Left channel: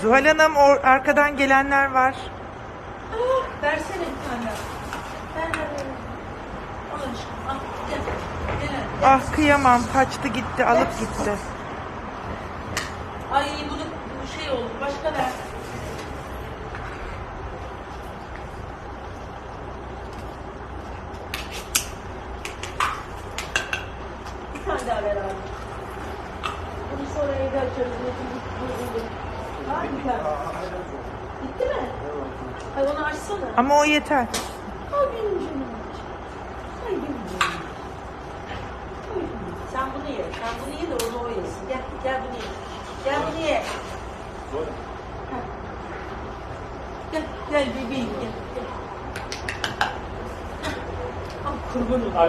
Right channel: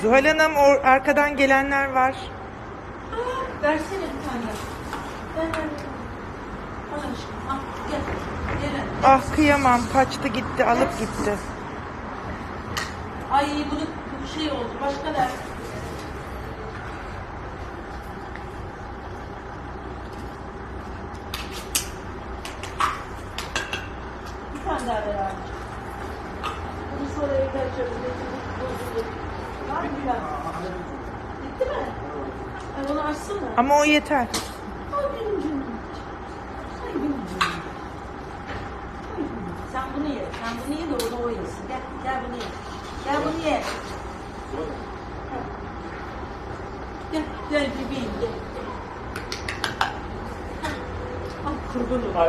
Zuhal Hanım o arkadan gelenler var. Aa, versene bir tane. Ver ver ver. Al aşkım al. Gel. Gel. Ah kıyamam kaçtı gitti alıp gitti. Ay bunu bu şey oldu. Başka ver. Tane daha ver abi. Bunu sonra evde açarız. Var mı bir tane? Bitti mi? Ay onu açsana. Ama o yeter. Ay benim canım. Ay benim canım. Sen bunu ye. Sen bunu ye de onu o yesin. Gel, gel bunu ye. Gel bunu ye. Gel, gel bebeğim gel. gel. Ha. Al